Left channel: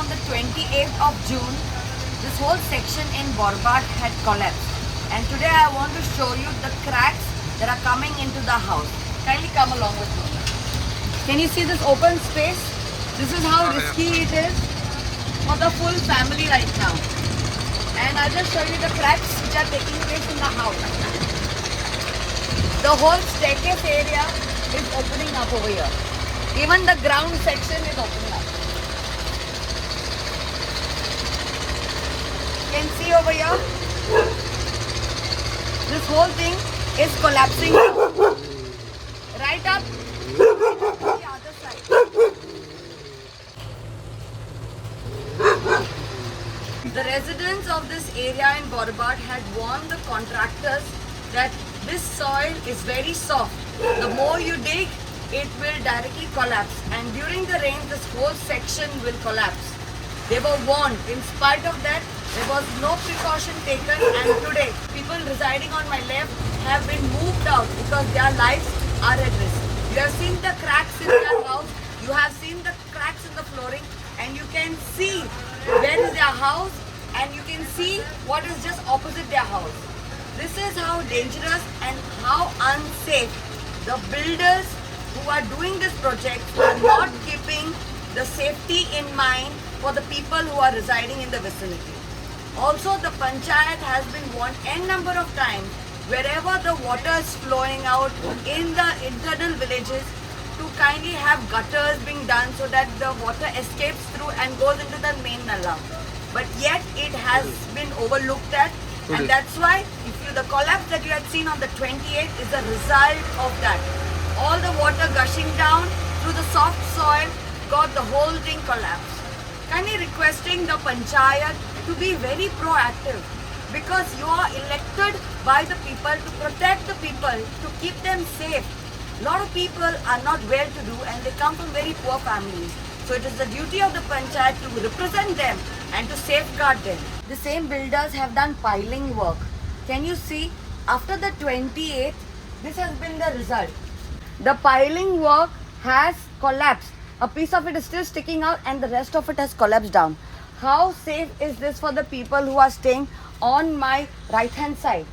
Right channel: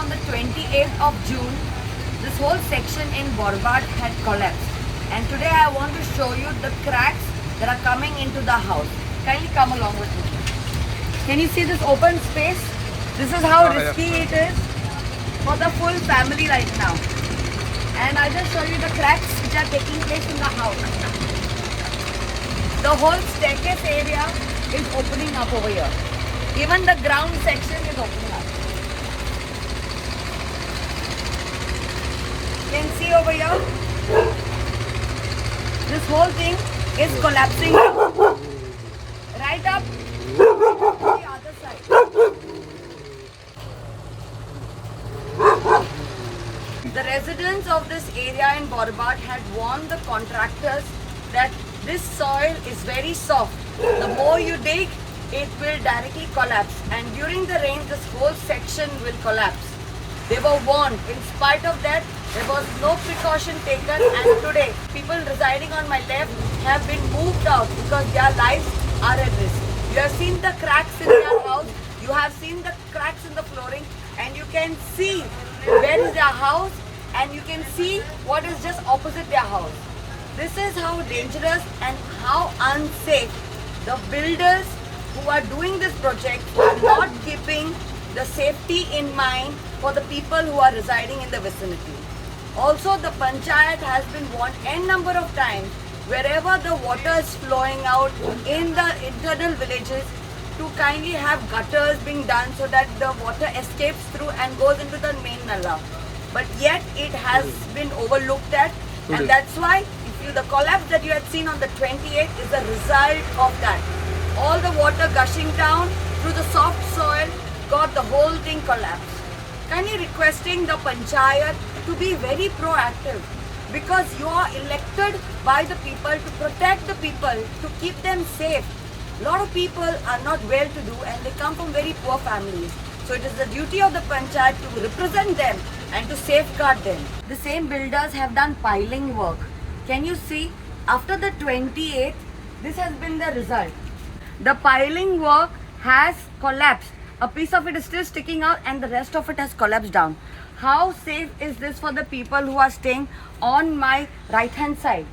on the 28th of June, this whole section in Bhorbhat had collapsed. And today I want to show you the cracks that are coming into the house. Kindly come along with me. Can you see this open space? This is how risky it is for the full family right now. And I'll just show you the cracks which are taking place in the house. The whole staircase area is opening up over here. Even the ground section is opening up. You can see over here, this whole thing is collapsing right up to the other side. The residents of this area in Bhorbhat had warned the contractors that this soil is very soft. The more you dig, it will directly collapse, and during the rain this whole section will collapse. They were warned. In spite of that, there was no precaution taken, and today people residing on my left have been moved out because their lives are at risk. You have seen the cracks in their house, you have seen the cracks in the flooring, and you can see where is their house, and you can see what is just opposite their house. This is how dangerous and how unsafe the builders who are doing this project are not keeping the safety in mind for the people who are residing in the vicinity. Also, the panchayat has been warned n number of times wherever the water is flowing out in the internal villages to kindly have gutters being done so that the water escapes through and goes into the main nala. But yet it has been overlooked at, and that's why the collapse that you had seen on the 28th is a result of that. All the water gushing down through the soft soil got the whole thing collapsed. Kindly requesting the panchayat to be very proactive, because you are elected by the people to protect the people, to keep them safe. A lot of people are not well to do and they come from very poor families. So it is the duty of the panchayat to represent them and to safeguard them. The same builders have done piling work. Can you see? After the 28th, this has been the result. The piling work has collapsed. A piece of it is still sticking out and the rest of it has collapsed down. How safe is this for the people who are staying on my right hand side?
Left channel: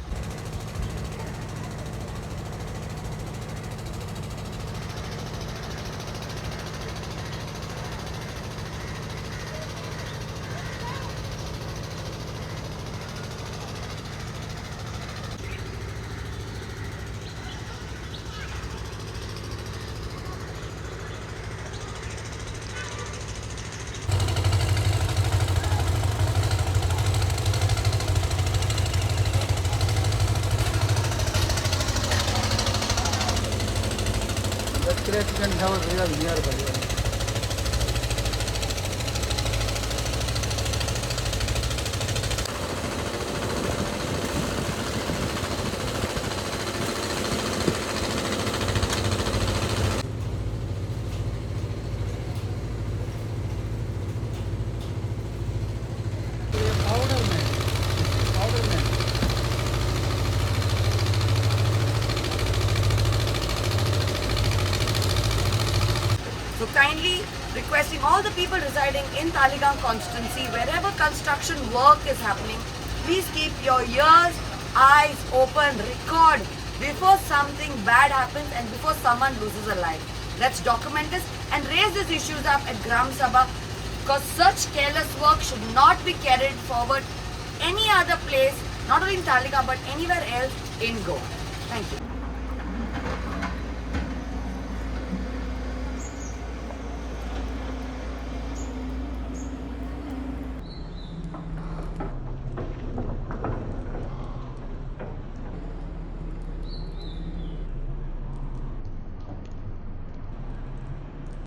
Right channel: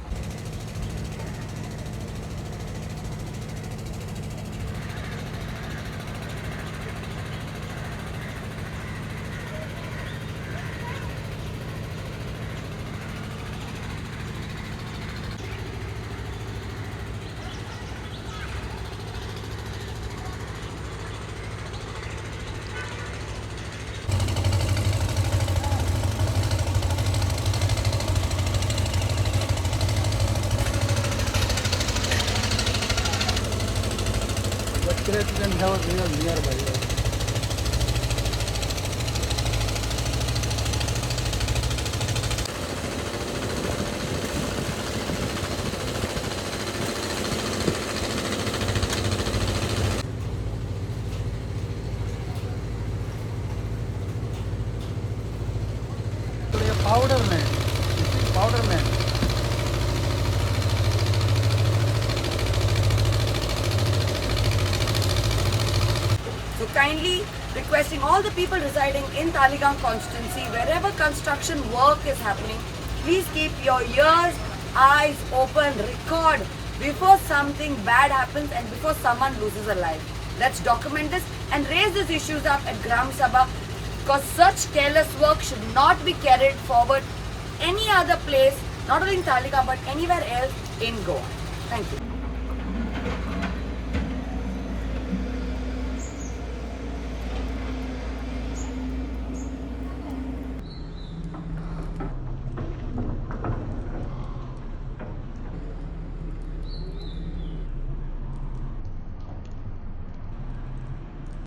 So kindly requesting all the people residing in Taleigao constituency, wherever construction work is happening, please keep your ears, eyes open, record before something bad happens and before someone loses a life. Let's document this and raise these issues up at Gram Sabha, because such careless work should not be carried forward any other place, not only in Taleigao but anywhere else in Goa. Thank you.